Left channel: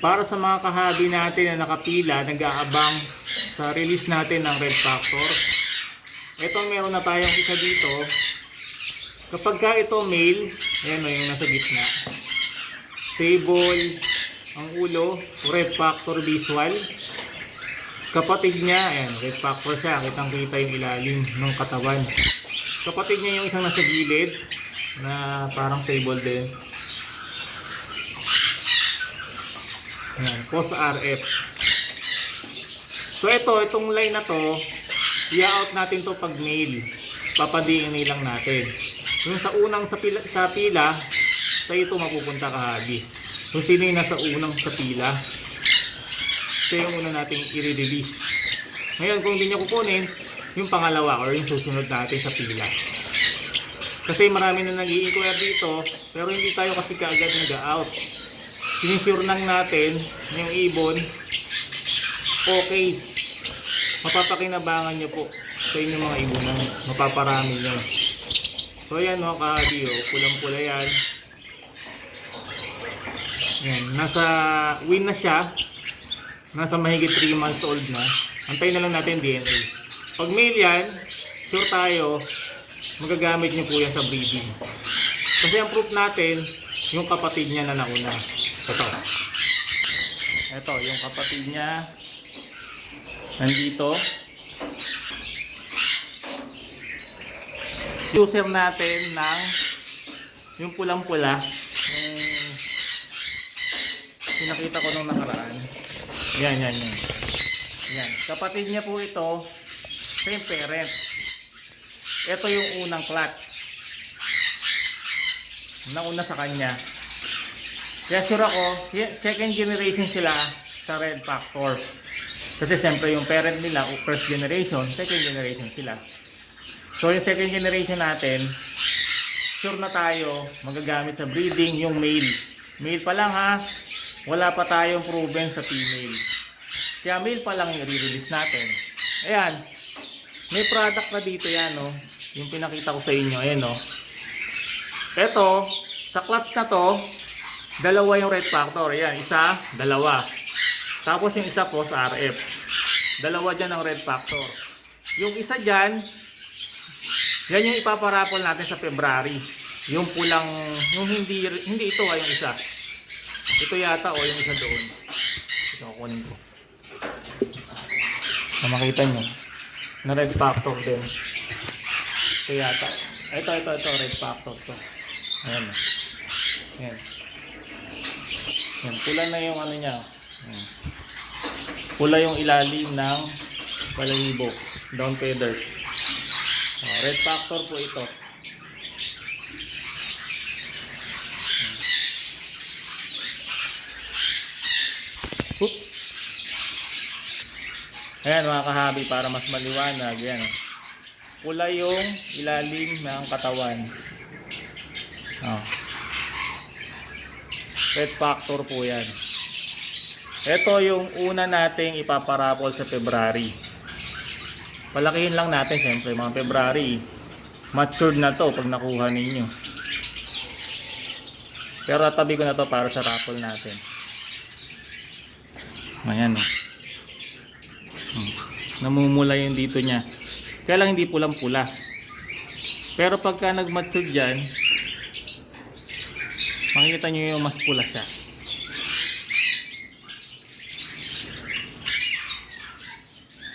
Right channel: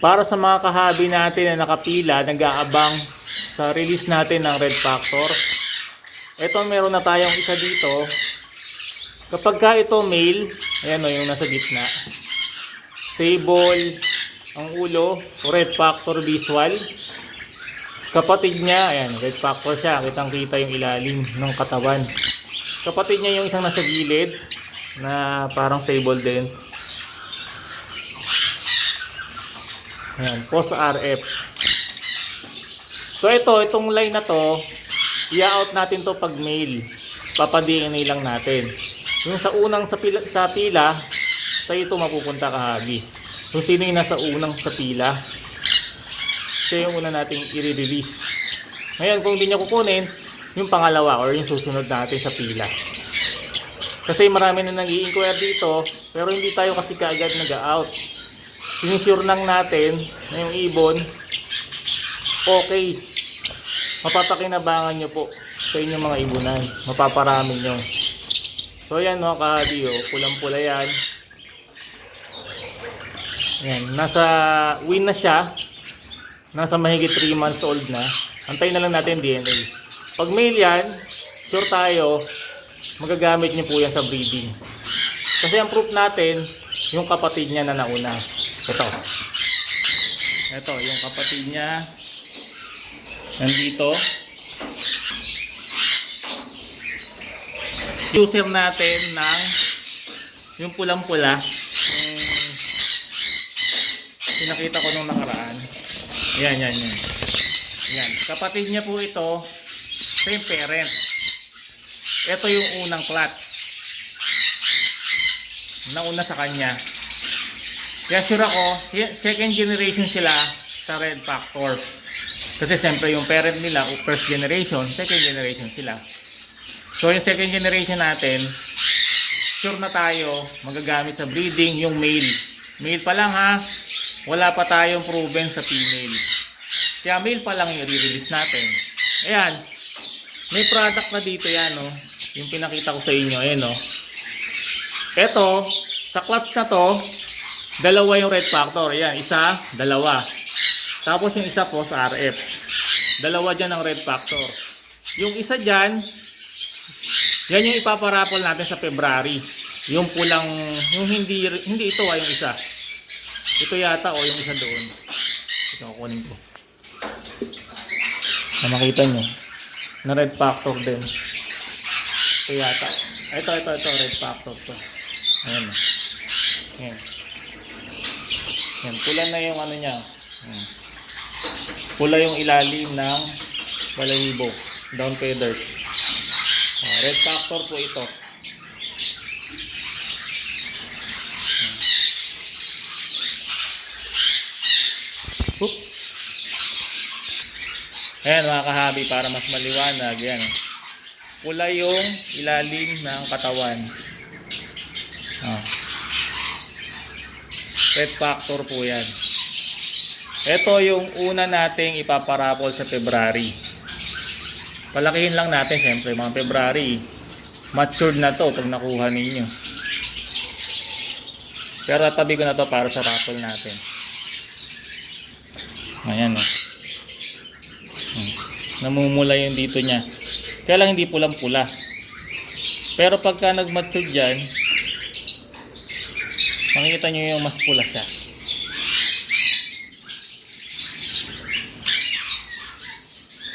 Para sa mga kahabi natin na nakapila, nag-aabang sa release natin ng Red Factor. Ito, meron na tayong isa dito. Kapag ka ito male, ayan o yung nasa gitna. Stable ang ulo, Red Factor visual. Kapatid niya, ayan, Red Factor siya. Kitang-kita yung ilalim ng katawan. Kapatid niya yung isang nasa gilid na parang stable din. Ayan, post RF. So itong line na to, i-out natin to pag male. Papa-DNA lang natin. Yung sa unang sa pila, sa ito mapupunta kahabi. Kung sino yung nasa unang sa pila, siya yung una nating i-release. Ngayon, kung hindi niya kukunin, yung pangalawa or yung susunod natin sa pila. Kasi marami na nag-i-inquire dito, pero hindi tayo kasi kaagad nag-out. Sinisure lang natin na yung ibon, okay. Mapapakinabangan nyo po sa inyong mga ibunan. Mapaparami nyo. So yan mga kahabi, pulang-pula yan. Yan, nasa win na siya. Nasa mahigit 3 months old na. Antayin na lang natin DNA. Pag male yan, sure tayo, magagamit nyo po yan sa breeding. Kasi ang proof natin, yung kapatid niya na nauna. Ito yung kapatid niya. Nandito. User natin ng yung pulang-pula. Yung pinakita ko nung nakaraan. Yan. Yan. Kapatid niya po ito. Same parent. Ito yung unang clutch. Nauna sa kanya. Kaya sure ako, second generation sila sa Red Factor. Kasi siyempre yung parent nila, first generation, second generation sila. So yung second generation natin, sure na tayo magagamit sa breeding yung male. Male pa lang ha, wala pa tayong proven sa female. Kaya male pa lang yung i-release natin. Ayan, may product na dito yan, no? Yung pinakita ko sa inyo, ayan, no? Ito, sa clutch na to, dalawa yung Red Factor. Ayan, isa, dalawa. Tapos yung isa po sa RF. Dalawa dyan ang Red Factor. Yung isa dyan, yan yung ipaparapol natin sa February. Yung pulang, yung hindi ito yung isa. Ito yata o yung isa doon. Ito, kukunin ko. Na makita nyo. Na Red Factor din. Ito yata. Ito, Red Factor to. Ayan. Ayan. Yan, pula na yung ano niya. Pula yung ilalim ng balahibo. Down feathers. Red Factor po ito. Oop. Ayan mga kahabi, para mas maliwanag. Yan. Pula yung ilalim ng katawan. Red Factor po yan. Ito yung una nating ipaparapol sa February. Palakihin lang natin siyempre mga February. Matured na to pag nakuha ninyo. Pero tabi ko na to para sa raffle natin. Ayan o. Namumula yung dito niya. Kaya lang hindi pulang-pula. Pero pagka nag-matured yan, makikita nyo yung mas pula siya.